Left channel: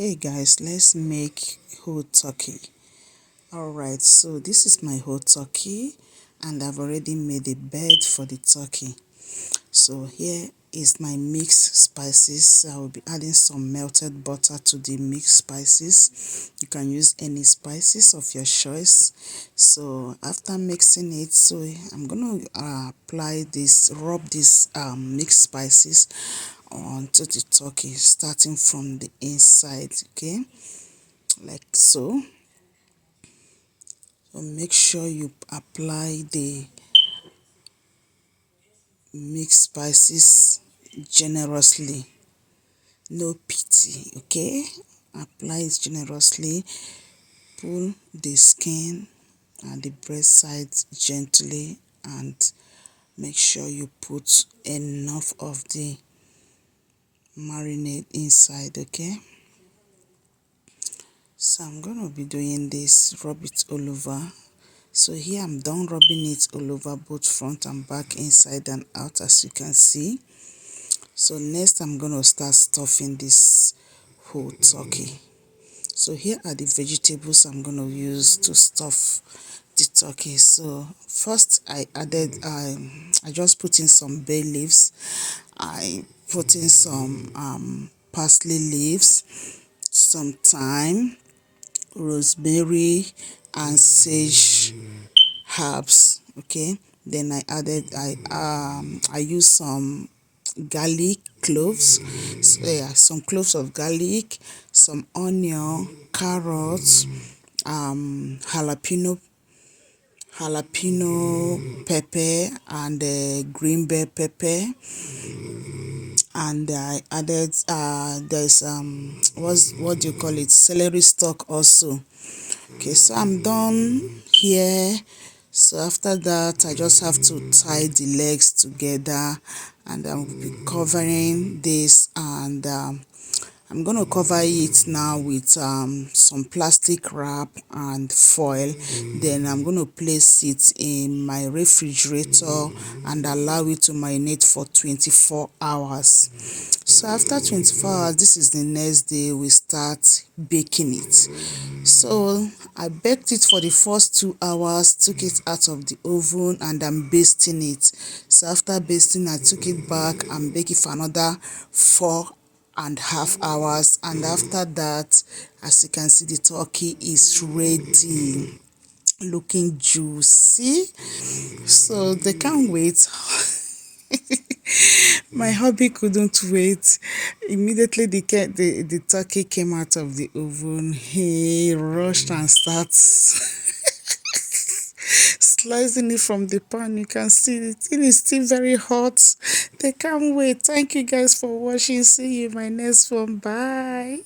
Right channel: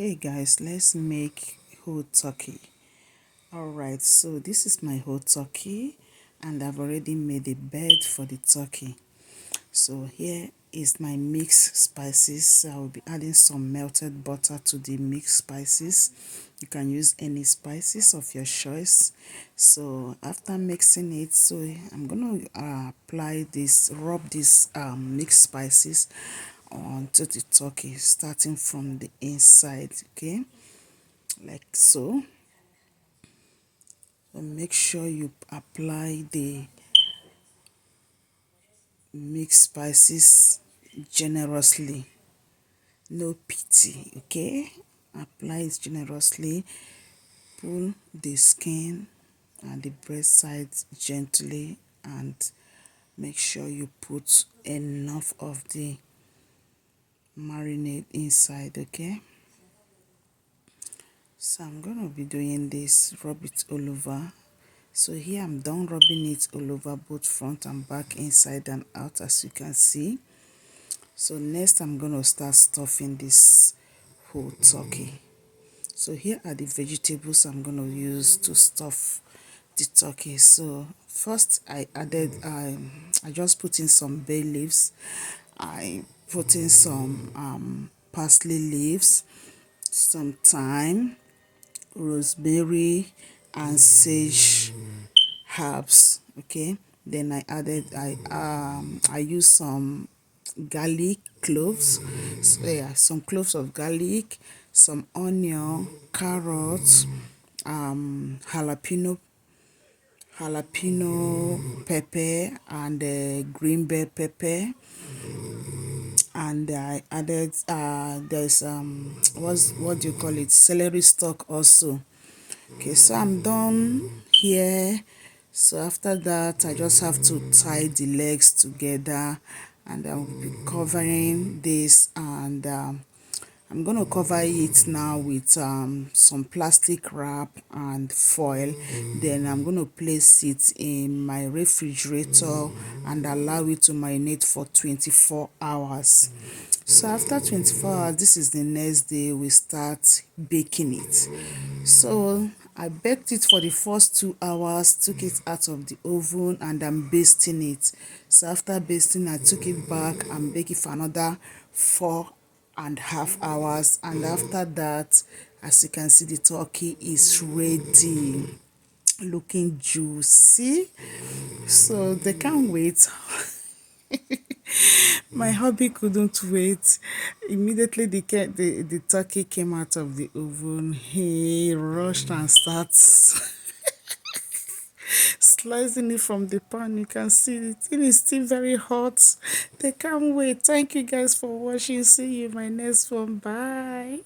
Hey guys, let's make whole turkey. Alright, so this is my whole turkey and I've already made a bed for the turkey. So here is my mixed spices. I will be adding some melted butter to the mixed spices. You can use any spices of your choice. So after mixing it, so I'm gonna apply this, rub this mixed spices onto the turkey, starting from the inside, okay, like so. So make sure you apply the mixed spices generously, no pity, okay. Apply it generously. Pull the skin and the breast sides gently and make sure you put enough of the marinade inside, okay. So I'm gonna be doing this, rub it all over. So here I'm done rubbing it all over, both front and back, inside and out, as you can see. So next I'm gonna start stuffing this whole turkey. So here are the vegetables I'm gonna use to stuff the turkey. So first I just put in some bay leaves. I put in some parsley leaves, some thyme, rosemary and sage herbs, okay. Then I use some garlic cloves, so, yeah, some cloves of garlic, some onion, carrots, jalapeno pepper and green bell pepper, and I added there's what do you call it, celery stalk also. Okay, so I'm done here. So after that I just have to tie the legs together and I'll be covering this, and I'm going to cover it now with some plastic wrap and foil. Then I'm going to place it in my refrigerator and allow it to marinate for 24 hours. So after 24 hours, this is the next day, we start baking it. So I baked it for the first 2 hours, took it out of the oven and I'm basting it. So after basting, I took it back and baked it for another 4.5 hours, and after that, as you can see, the turkey is ready, looking juicy. So they can't wait. My hubby couldn't wait. Immediately the turkey came out of the oven, he rushed and starts slicing it from the pan. You can see the thing is still very hot. They can't wait. Thank you guys for watching. See you in my next one. Bye.